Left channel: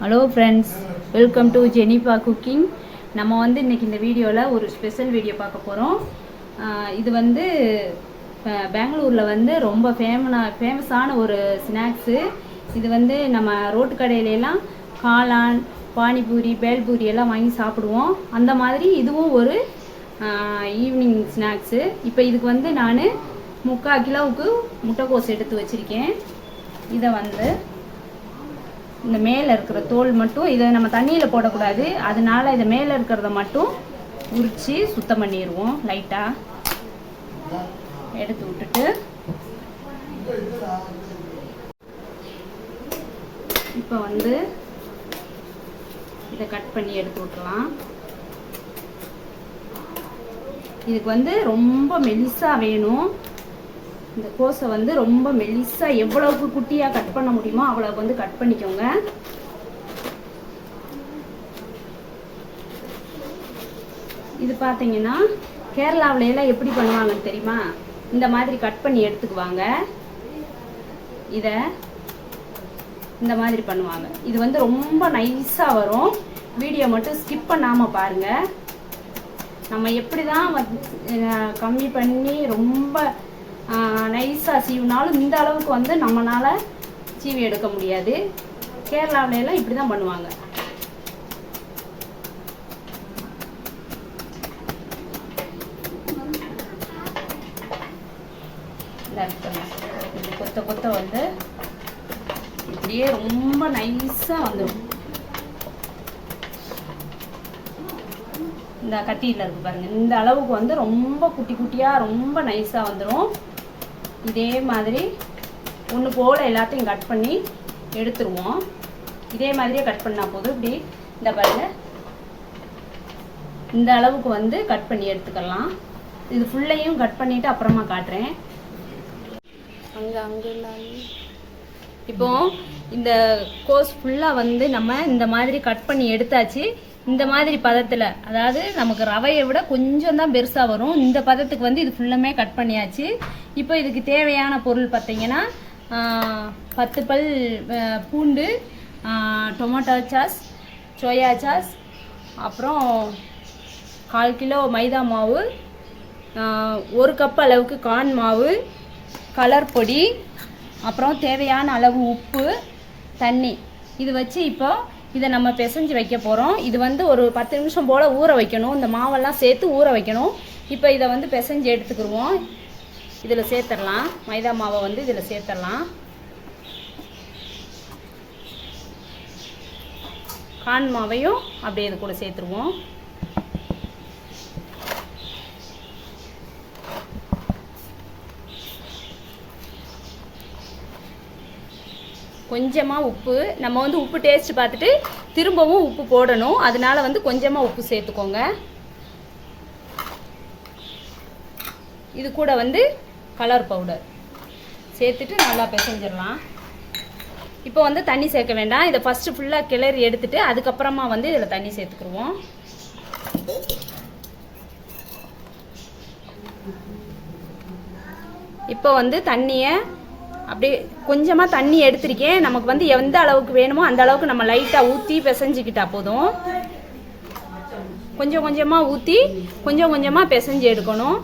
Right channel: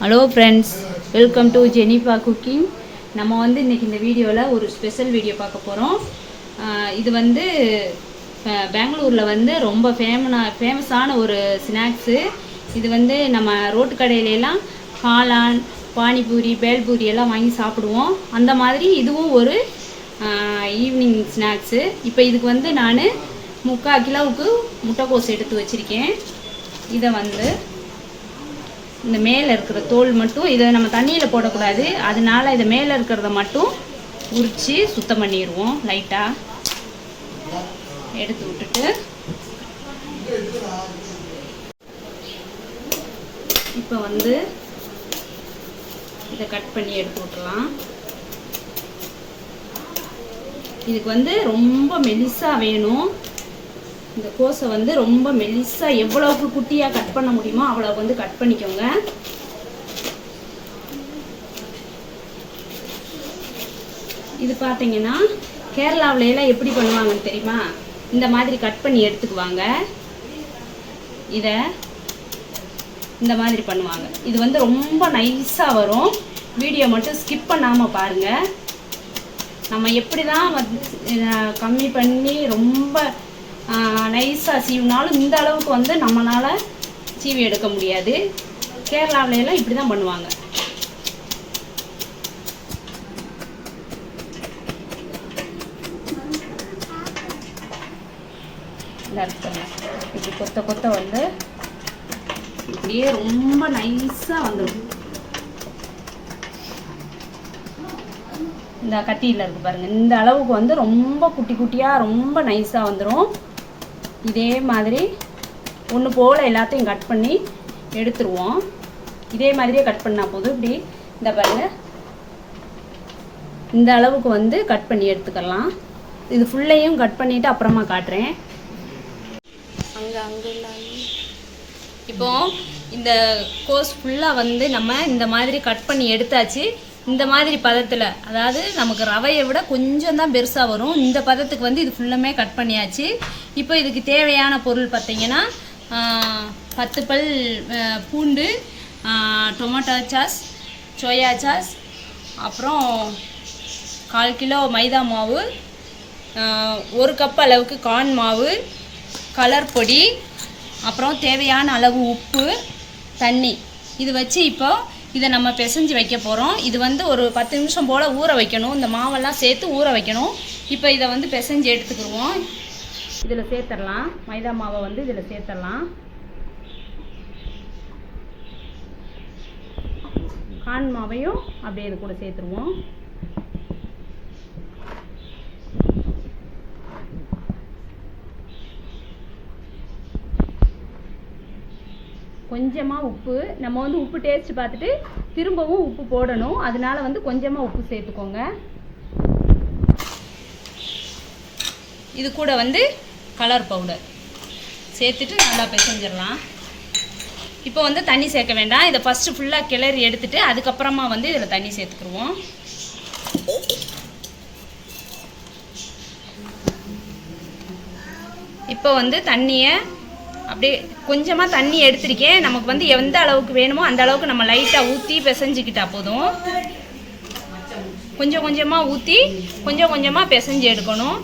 Hello friends welcome to Jenifa cooking நம்ம வந்து இன்றைக்கி இந்த வீடியோவில் ஒரு ஸ்பெஷல் வீடியோ பார்க்க போகிறோம் இது வந்து பெங்களூரில் வந்து ரொம்ப ஃபேமனா ஃபேமஸான ஒரு ஸ்நாக்ஸு இது வந்து நம்ம ரோட்டு கடையிலலாம் காளான் பானிபூரி பேல்பூரி எல்லாம் வாங்கி சாப்பிடுவோம். அந்த மாதிரி இதுவும் ஒரு ஈவினிங் ஸ்நாக்ஸு இப்போ இதுக்கு வந்து நான் முக்கால் கிலோவுக்கு முட்டைக்கோஸ் எடுத்து வச்சுருக்கேன். இதை வந்து இந்த மேலே இருக்கிற தோல் மட்டும் இதை நம்ம தண்ணியில் போடக்கூடாது. அதனால இதை மேலே இருக்கிறத மட்டும் உரித்து சுத்தம் பண்ணிடுவோம் லைட்டாக எடுத்து விட்டுட்டு. இப்போ வந்து இதை கட் பண்ணி எடுத்து விட்டுலாம் இதுக்கு வந்து ரொம்ப மெலிசாக வேணும். இந்த கோஸை வந்து ரொம்ப மெலிசாக எவ்வளவுக்கு குட்டியாக கட் பண்ண முடியுமோ அவ்வளோ வந்து கட் பண்ணிக்கோங்க. இது பார்த்தீங்கன்னா கேரளாவிலையெல்லாம் எல்லாம் எப்படி பண்ணுவாங்கன்னு தெரியுமா? இந்த மாதிரி கட் பண்ணி எடுத்துக்குவாங்க. இதை இந்த மாதிரி பண்ணுவாங்க. இது வந்து ரொம்ப நைஸாக வரும். வீடியோ மட்டும் ஸ்கிப் பண்ணாமல் பாருங்கள் நம்ம எப்படி தான் அஹ், கம்மி பண்ணி ரொம்ப நைஸாக சீவினாலும் இந்த அளவுக்கு வந்து நம்மளால் சீவி எடுக்க முடியாது. கேரளாவுல எல்லாம் இப்படி தான் பண்ணுவாங்க இப்படி கொத்த கொத்த வந்து இப்படியே ரொம்ப நைஸாக வந்துடும் இந்த கட்டியில் இருக்கு பாருங்க. இந்த அளவுக்கு வந்து ரொம்ப குட்டி குட்டியாக ரொம்ப நைஸாக வந்துடும் இதே மாதிரி ஒன்று போல் எல்லாத்தையும் கட் பண்ணி எடுத்துருவோம். இதே மாதிரியே கட் பண்ணால் போதும். இப்படி இந்த பாருங்கள் இந்த அளவுக்கு வந்து கட் பண்ணி எடுத்துக்கலாம். இது ஃபுல்லையும் கட் பண்ணிவிட்டு அப்புறமா காட்டுறேன். அங்கே அங்கே இப்போ இந்த கோஸ் ஃபுல்லாக வந்து நம்ம இந்த மாதிரி கட் பண்ணி எடுத்தாச்சு. இந்த மாதிரி பதத்தில் அதாவது நமக்கு ரவையை விட கொஞ்சம் தான் பெருசாக வரும். இந்த பதத்துக்கு வந்து இது ஃபுல்லுமே கட் பண்ணியாச்சு. இப்போ இதுக்கு தேவையான பொருள் பார்த்தீங்கன்னா பத்து பல் பூண்டு டொமேட்டோ சாஸ் சோயா சாஸ் அப்புறம் கால் கிலோ மைதா மாவு ஒரு கப் அளவுக்கு கார்ன் மாவு கலர் பொடி அப்புறம் தேவையான அளவு உப்பு தண்ணி. இது வச்சு இப்போ இதை நம்ம பிசைஞ்சு வைக்க போகிறோம் இது வந்து ஒரு பத்து நிமிஷம் போல் ஊற வைக்கணும். இந்த மாவெல்லாம் சேர்த்து ஊற வைக்கணும். இப்போ இதை வந்து பிசைஞ்சு எடுத்துக்கிடுவோம். இதில் சேர்த்துடலாம் மைதா மாவை வந்து இதில் சேர்த்துடலாம் கான் மாவையும் அப்படியே இது கூட சேர்த்துருவோம். கொஞ்சமாக உப்பு. நம்ம வந்து உப்பு டேஸ்ட் பார்த்துட்டு திரும்பவும் உப்பு போடணும். அதனால வந்து கொஞ்சமாக உப்பு சேர்த்துக்கோங்க. இது கூட வந்து கலர் பவுடர் சேர்த்துட்டு நல்லா பிசைஞ்சிடலாம். இப்போ வந்து தண்ணி சேர்க்க வேண்டாம். இதை ஃபஸ்ட்டு ஃபுல்லாக கிளறி எடுத்துட்டு அதுக்கப்புறமா வந்து இதில் தண்ணி சேர்த்துக்குருவோம் இப்போ வந்து தண்ணியை அப்படியே கொஞ்சமாக தண்ணி எடுத்திருக்கேன். நமக்கு வந்து எந்த அளவுக்கு வேணுமோ அந்த அளவுக்கு நம்ம லைட்டாக ஊற்றி பிசைஞ்சுக்கிட்டா போதும். கொஞ்சம் கொஞ்சமாக ஊற்றி கொஞ்சம் கொஞ்சமாக பிசைஞ்சு எடுக்கணும்.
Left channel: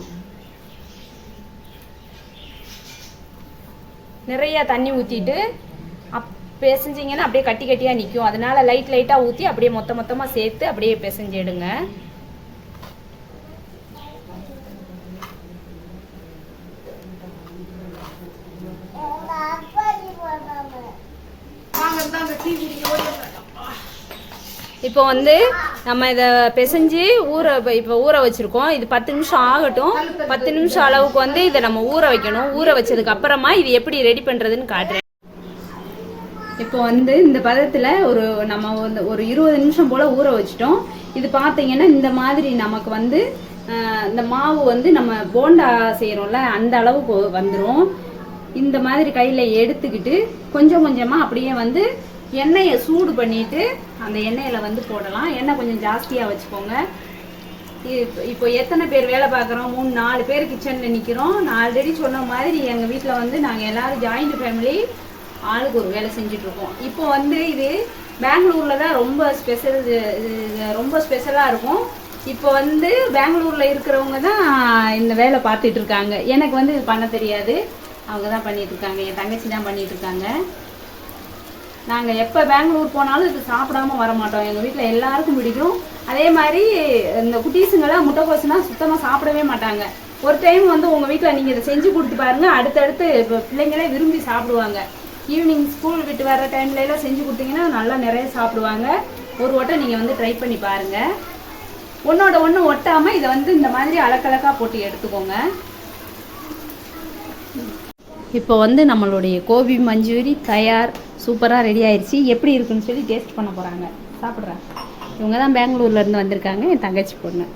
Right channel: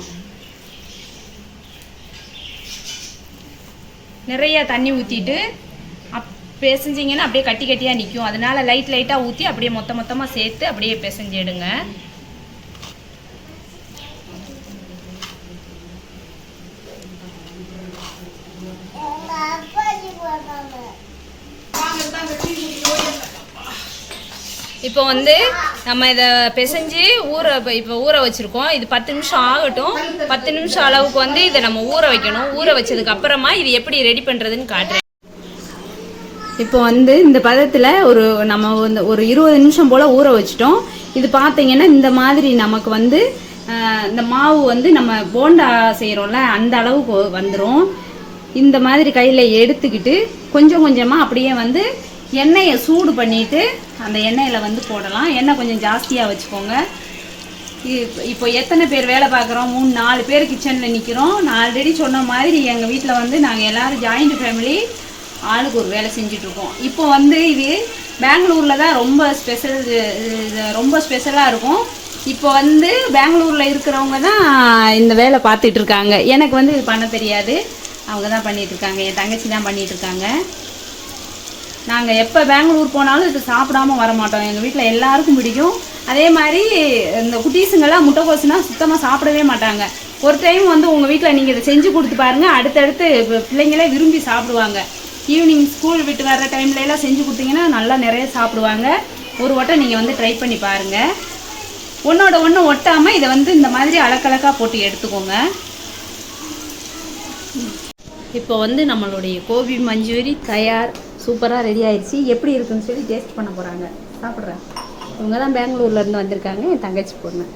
நிறையா தண்ணி ஊற்றிட்டு அப் பிசைஞ்சிங்கன்னா அப்படியே கட்டி கட்டியாக நிற்கும் அதனால லைட் லைட்டாக ஊற்றி அப்படியே மொத்த மொத்தமாக சேர்த்து அப்படியே பிசைஞ்சு எடுங்க இப்போ வந்து நம்ம இதை பிசைஞ்சு ஊற இப்போ ஊற வச்சுருக்கோம். இது பத்து நிமிஷம் ஆகட்டும். பத்து நிமிஷம் அளவுக்கு வந்து இதை நம்ம ஊற வைக்கணும். ஊற வச்சதுக்கு அப்புறமா இது எப்படி ரெடி பண்ணுறதுன்னு காட்டுறேன். இப்போ வந்து இந்த பதத்தில் ஒரு நம்ம வந்து ஒரு இருபது நிமிஷம் போல் ஊற வச்சிட்டோம். இது பார்த்தீங்கன்னா இந்த மாதிரி நமக்கு வந்து இந்த மாவு வந்து நம்ம போண்டா செய்கிறோம்ல அந்த அளவுக்கு வந்துடும் இந்த மாதிரி கையில் எடுத்துக்கிட்டு கொஞ்சம் கொஞ்சமாக அப்படியே வந்து எண்ணெயை சூடு பண்ணிவிட்டு அந்த எண்ணெயில் வந்து போடலாம். எண்ணெய் கொஞ்சம் ஜாஸ்தியாக வச்சுக்கோங்க. இ- இப்போ எத்தனை பேர் வேலை பார்க்குறோம்? மூணு நாலு பேர் கிச்சனில் நிற்கிறோம் நான் ஆல்ரெடி சொன்ன மாதிரி எங்கள் வீட்டில் வந்து நாங்கள் எல்லாரும் ஜாயிண்ட் ஃபேமிலி ஆளுக்கு ஒரு வேலை செஞ்சிட்ருக்கோம். இப்போ வந்து இது பெங்களூரில் தான் ரொம்ப ஸ்பெஷல் ரொம்ப ஸ்பெஷலாக இருக்கும். இப்போ வந்து பெங்களூரில் இருக்கிறவங்க தான் இந்த வேலை பார்த்துட்ருக்காங்க. எனக்கு வந்து இது பண்ண தெரியாது. அவங்க தான் பண்ணிகிட்ருக்காங்க இருக்காங்க என் தங்கச்சி தான் பண்ணிகிட்ருக்காங்க இருக்காங்க நாங்கள் எப்போ பெங்களூர் போனாலும் இது சாப்பிடாம வர மாட்டோம் எங்கள் வீட்டில் எல்லாருக்கும் பிடிக்கும். அதே மாதிரி இந்த குட்டீஸுங்கெல்லாம் முட்டைக்கோசுனா சுத்தமாக சாப்பிடவே மாட்டாங்க. ஒரு டைம் வந்து உங்கள் வீட்டில் நீங்கள் இதை செஞ்சு கொடுத்து பாருங்கள் அடுத்தடுத்து பிள்ளைங்களே விரும்பி சாப்பிடுவாங்க. ஈவினிங் ஸ்கூல் விட்டு வர டைம்ல எல்லாம் செஞ்சு கொடுத்தீங்கன்னா நல்லா நிறைய சாப்பிடுவாங்க. ஒரு வட்டம் நீங்கள் வந்து ட்ரை பண்ணி பாருங்கள் ஒன்றோட ஒன்று ஒட்டாமல் இதை வந்து இந்த மாதிரி அலக்கலக்காக போட்டு எடுத்துக்கோங்க. இப்போ வந்து நம்மளுடைய கோபி மஞ்சூரி தயார் சூப்பராக ரெடி ஆயிடுச்சு. எப்படி இருக்குன்னு சொல்லி டேஸ்ட் பண்ண போகிறாங்க சாப்பிட்றேன் இவங்க தான் பெங்களூர்ல இருந்து வந்திருக்காங்க. என் தங்கச்சி பொண்ணு.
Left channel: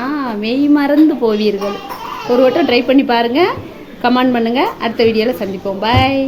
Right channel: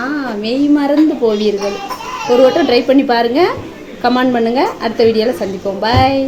ஆ மெய் மறந்து போவீர்கள். ஒரு வட்டம் ட்ரை பண்ணி பாருங்கள் கமெண்ட் பண்ணுங்கள் அடுத்த வீடியோவில் சந்திப்போம். பாய்